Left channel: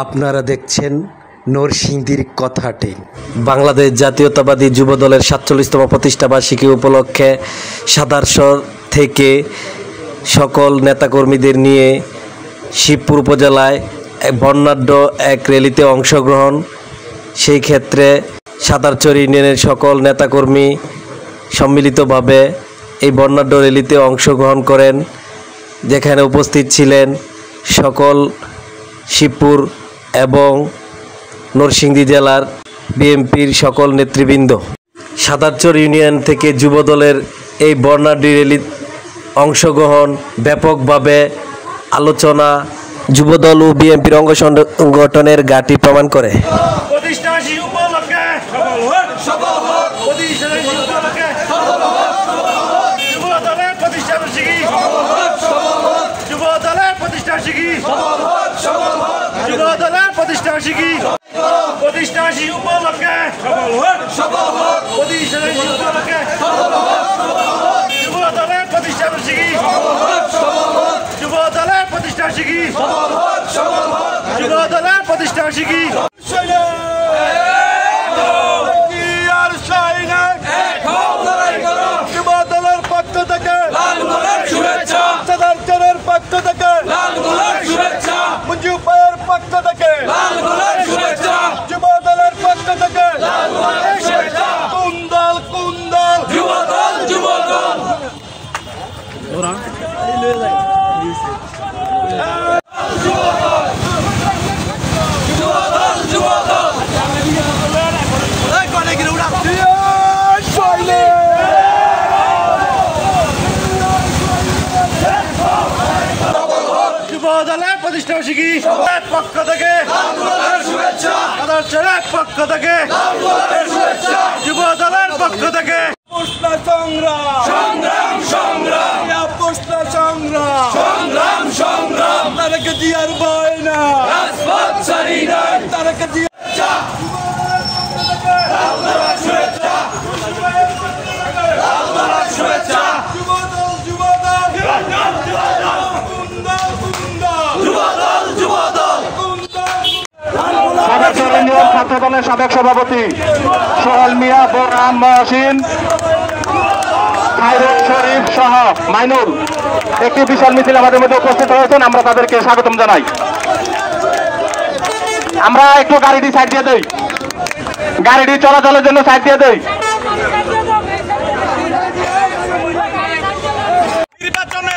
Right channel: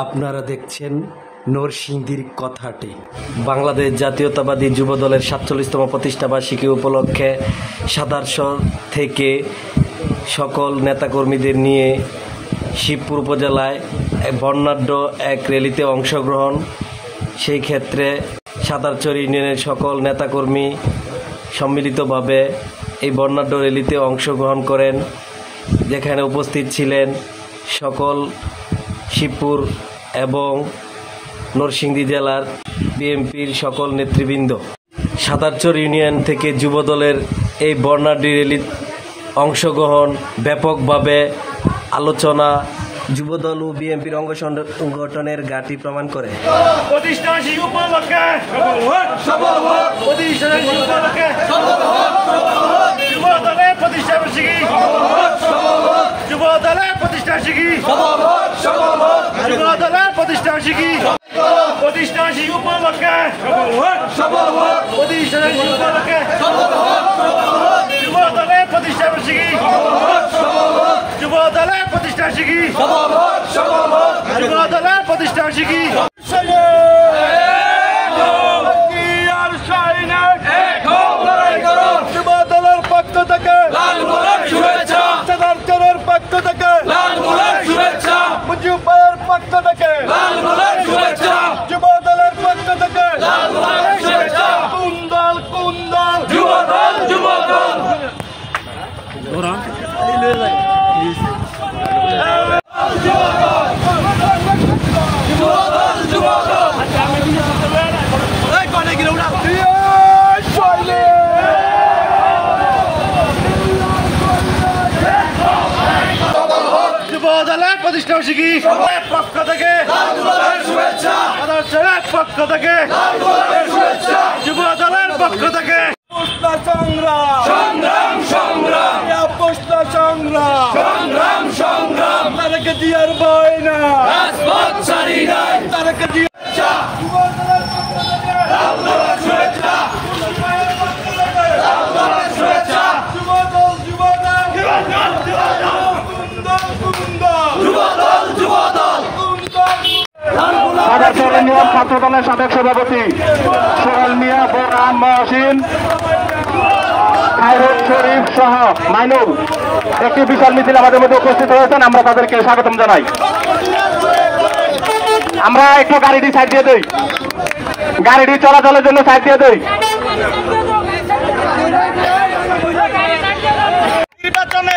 আপনারা দেখছেন নরসিংদীর কথাটি। বাংলাদেশ জাতীয়তাবাদী যুবদলের ৪৭তম প্রতিষ্ঠাবার্ষিকী উপলক্ষে সাদারশর থেকে সকল নেতাকর্মীদের নিয়ে শিবপুর উপজেলায় বর্ণাঢ্য এক র্যালিতে অংশগ্রহণ। সেই ক্ষেত্রে সাদারচর ইউনিয়নের সকল নেতাকর্মী সম্মিলিতভাবে এই বর্ণাঢ্য র্যালিতে অংশগ্রহণ করেন, যেখানে উপস্থিত ছিলেন সকল শিবপুর এবং নরসিংদী জেলার বিএনপির সকল নেতৃবৃন্দ। সাদারচর ইউনিয়ন থেকে যুবদলের এই বর্ণাঢ্য র্যালির অংশগ্রহণ ব্যাপকভাবে আলোচনা যুবদল ও বিএনপির অঙ্গ সংগঠনের ঘাঁটি প্রমাণ করে। যুবদলের প্রতিষ্ঠাবার্ষিকী পক্ষ থেকে পক্ষ থেকে যুবদলের পক্ষ থেকে সংগ্রাম সংগ্রাম সংগ্রাম সংগ্রাম তাদেরকে দিয়ার ভয় না তাদেরকে ছাত্রদলের সাবেক সভাপতি সোহেল মিয়া, বোরহান মহসিন, খায়রুল শরীফ সহ মাইনুল একটি বিশাল মিছিল আমাদের মধ্যে উপস্থিত হয়েছেন। আমরা তাদেরকে স্বাগতম জানাই। আমরা একটু গাড়িটি সাইড দিয়ে দিই, গাড়িটি চলাচলের জন্য সাইড দিয়ে দিই। নির্বাচনে